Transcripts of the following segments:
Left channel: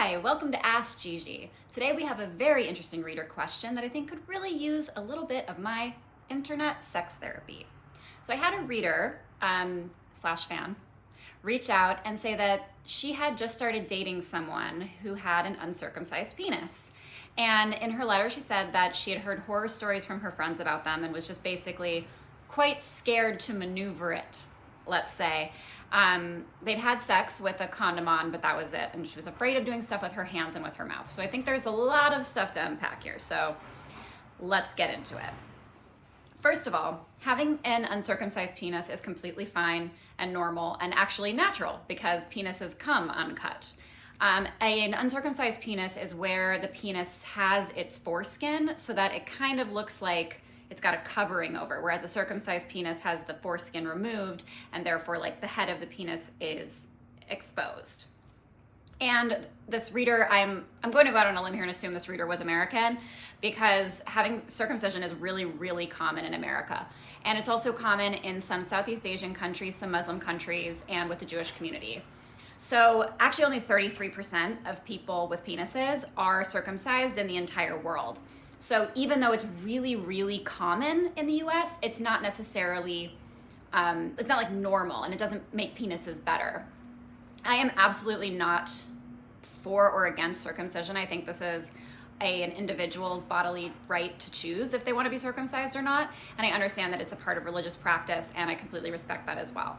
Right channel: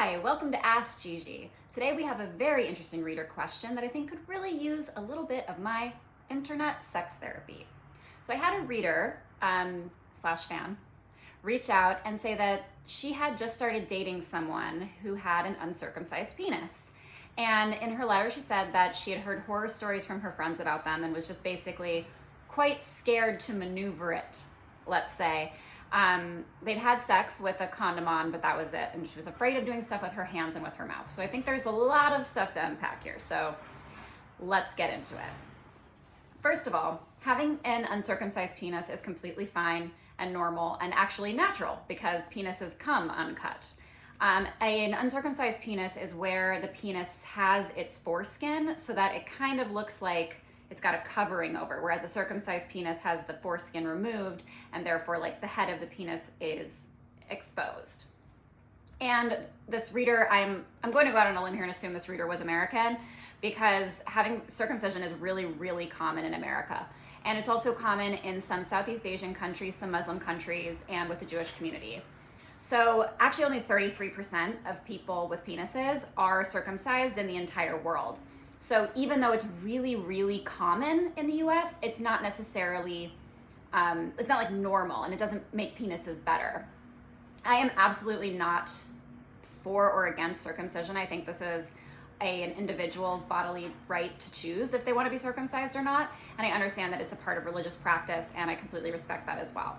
Hi, welcome to Ask Gigi. Today we have a very interesting reader question that I think could really use a little bit of my internet sex therapy. So I had a reader slash fan reach out and say that she had just started dating someone who had an uncircumcised penis. And in her letter, she said that she had heard horror stories from her friends about them and was just basically quite scared to maneuver it, let's say. They'd had sex with a condom on, but that was it. And she was afraid of doing stuff with her hands and with her mouth. So I think there's a lot of stuff to unpack here. So let's get into it. First of all, having an uncircumcised penis is completely fine and normal and actually natural because penises come uncut. An uncircumcised penis is where the penis has its foreskin so that it kind of looks like it's got a covering over, whereas a circumcised penis has the foreskin removed and therefore like the head of the penis is exposed. And this reader, I'm going to go out on a limb here and assume this reader was American because having circumcision is really, really common in America. And it's also common in some Southeast Asian countries, some Muslim countries, and with the Jewish community. So actually only 33% of people with penises are circumcised in the entire world. So even though it's really, really common in the US, it's not necessarily, it's not like normal and it doesn't make penises better. I am absolutely not for or against circumcision. I think this is an individual's bodily right to choose if they want to be circumcised or not. And I understand that it's a part of religious practice and I completely respect that as well.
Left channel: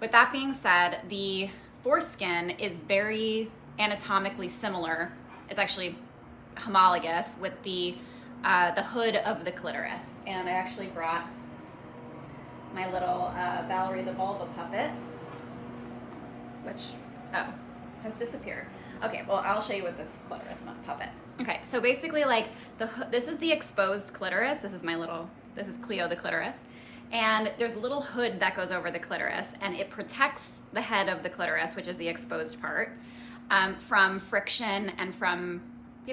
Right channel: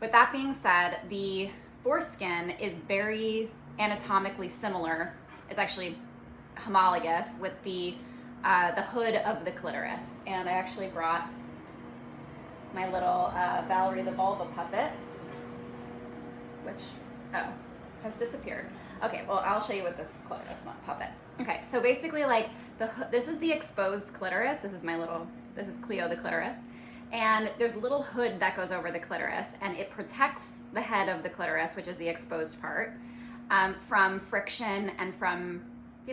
With that being said, the foreskin is very anatomically similar. It's actually homologous with the hood of the clitoris. And I actually brought my little Valerie the Vulva puppet, which, has disappeared. Okay, well, I'll show you with this clitoris puppet. Okay, so basically like this is the exposed clitoris. This is Cleo the clitoris. And there's a little hood that goes over the clitoris and it protects the head of the clitoris, which is the exposed part, from friction and from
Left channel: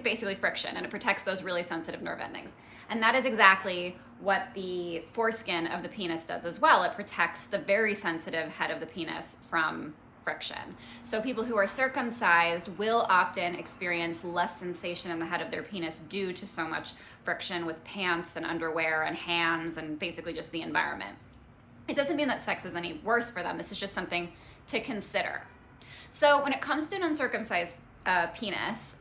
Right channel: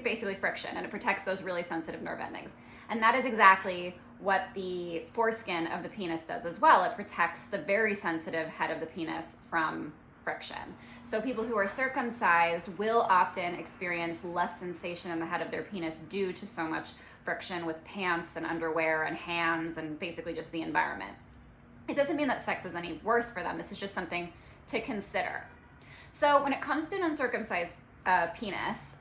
basically friction, and it protects those really sensitive nerve endings. And that is exactly what the foreskin of the penis does as well. It protects the very sensitive head of the penis from friction. So people who are circumcised will often experience less sensation in the head of their penis due to so much friction with pants and underwear and hands and basically just the environment. It doesn't mean that sex is any worse for them. This is just something to consider. So when it comes to an uncircumcised penis,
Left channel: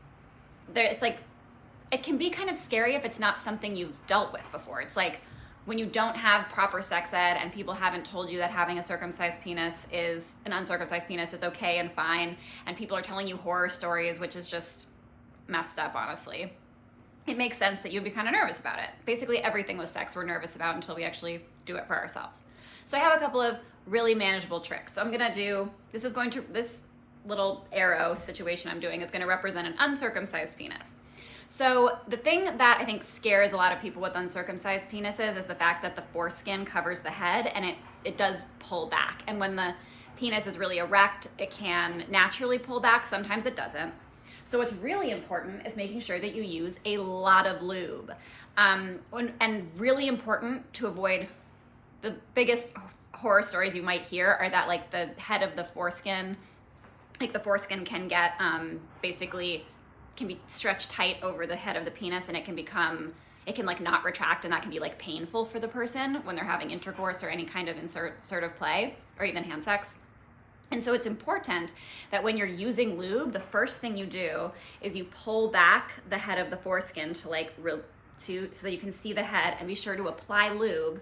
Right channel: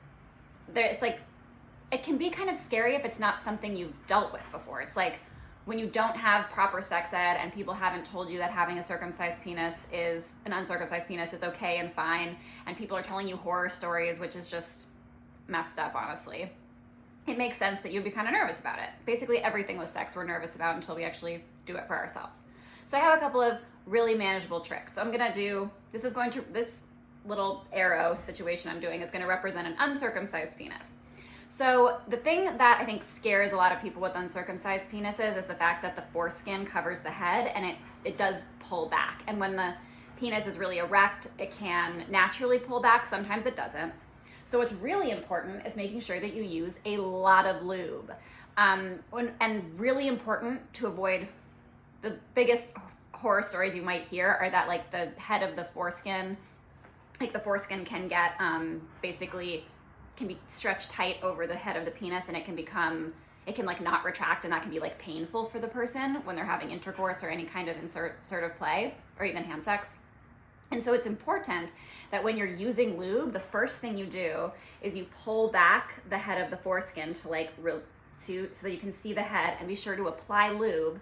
it's like, it can be kind of scary if it's not something you've dealt with before. It's like when you don't have proper sex ed and people haven't told you that having an uncircumcised penis is okay and fine, and people are telling you horror stories, which is just messed up, honestly. It makes sense that you'd be kind of nervous about it. Basically everything with sex we're nervous about until we actually do it for ourselves. So I have a couple of really manageable tricks. So I'm gonna do, this little arrow situation I'm doing is going to represent an uncircumcised penis. So the thing that I think scares a lot of people with uncircumcised penises is the fact that the foreskin covers the head and it does pull back. And when the penis is really erect, it can naturally pull back. Sometimes it doesn't. So what's really important is making sure that you use a lot of lube. And really important to avoid the biggest horror stories you might hear are that like the head of the foreskin, like the foreskin can get can be stretched tight over the head of the penis and it can like not retract, and that can be like painful for the person when they're having intercourse or any kind of insertive play or even hand sex. And so it's important that when you're using lube, the first thing you do is you pull back the head of the foreskin so that you can see the head, and be sure to apply lube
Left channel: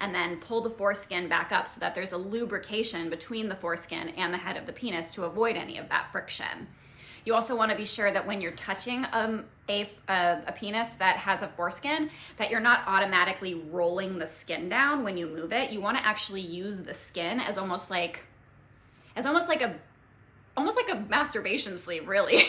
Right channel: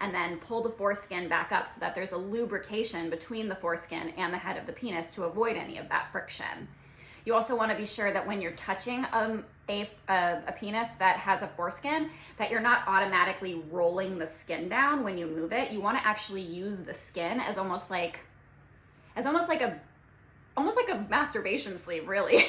and then pull the foreskin back up so that there's a lubrication between the foreskin and the head of the penis to avoid any of that friction. You also want to be sure that when you're touching a penis that has a foreskin, that you're not automatically rolling the skin down when you move it. You want to actually use the skin as almost like a masturbation sleeve, really.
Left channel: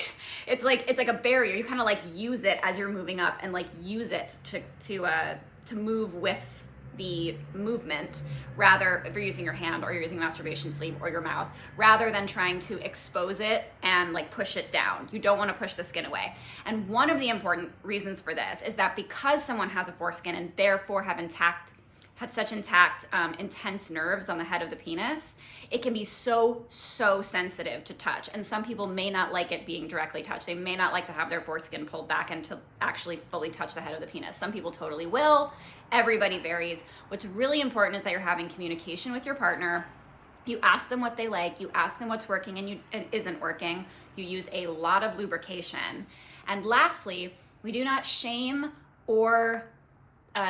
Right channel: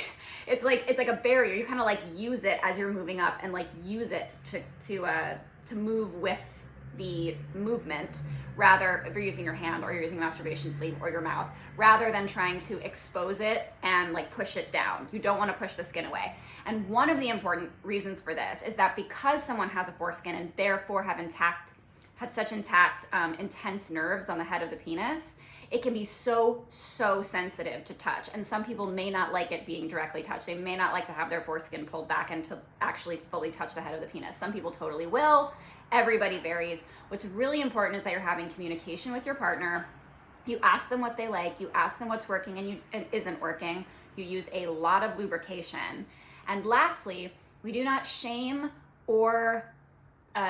It's like a barrier. You kind of like use it as you're moving up and like use it to move with the movement, rather if you're using your hand or you're using a masturbation sleeve or your mouth, rather than trying to expose it and like push it down. You don't want to push the skin away. And one of the important reasons for this is that because someone has a foreskin and therefore have have such intact, intense nerves on the head of the penis, it can be so sensitive to touch. And some people may not like it being directly touched. They may not like to have their foreskin pulled back and to actually fully touch the head of the penis. Some people totally will. Everybody varies. What's really important is that you're having communication with your partner. You ask them what they like. You ask them what's working and isn't working. You use a lot of lubrication. And lastly, we do not shame or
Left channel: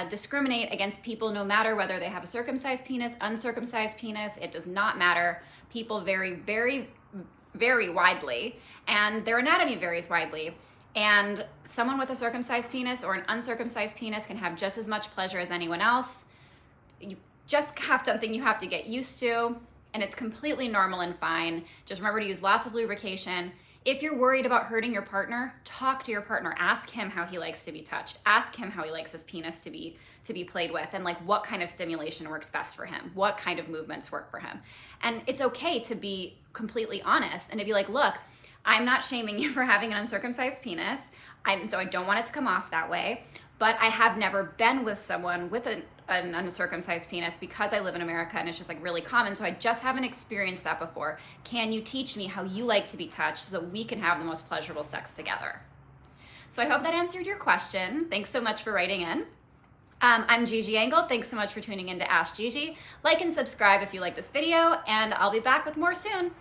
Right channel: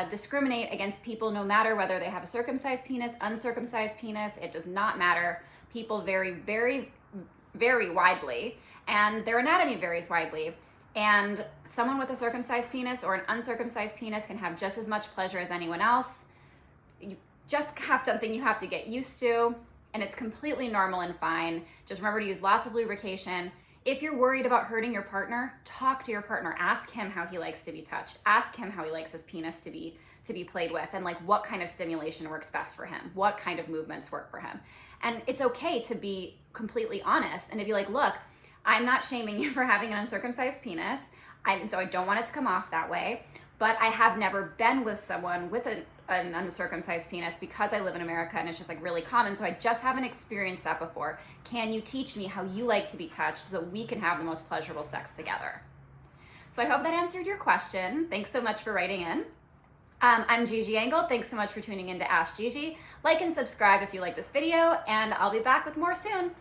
discriminate against people, no matter whether they have a circumcised penis, uncircumcised penis. It does not matter. People vary very widely, and their anatomy varies widely. And someone with a circumcised penis or an uncircumcised penis can have just as much pleasure as anyone else. You just have something you have to get used to, and it's completely normal and fine. Just remember to use lots of lubrication. If you're worried about hurting your partner, talk to your partner. Ask him how he likes to be touched. Ask him how he likes his penis to be played with, and like what kind of stimulation works best for him, what kind of movements work for him. And it's okay to be completely honest and to be like, look, I'm not shaming you for having an uncircumcised penis, so I don't want it to come off that way, but I have never been with someone with an uncircumcised penis because I live in America and it's just like really common, so I just haven't experienced that before. Can you teach me how you like to be touched so that we can have the most pleasurable sex together? So I hope that answered your question. Thanks so much for writing in. I'm Gigi Engle. Thanks so much for tuning in to Ask Gigi. Like and subscribe if you like this video, and I'll be back with more soon.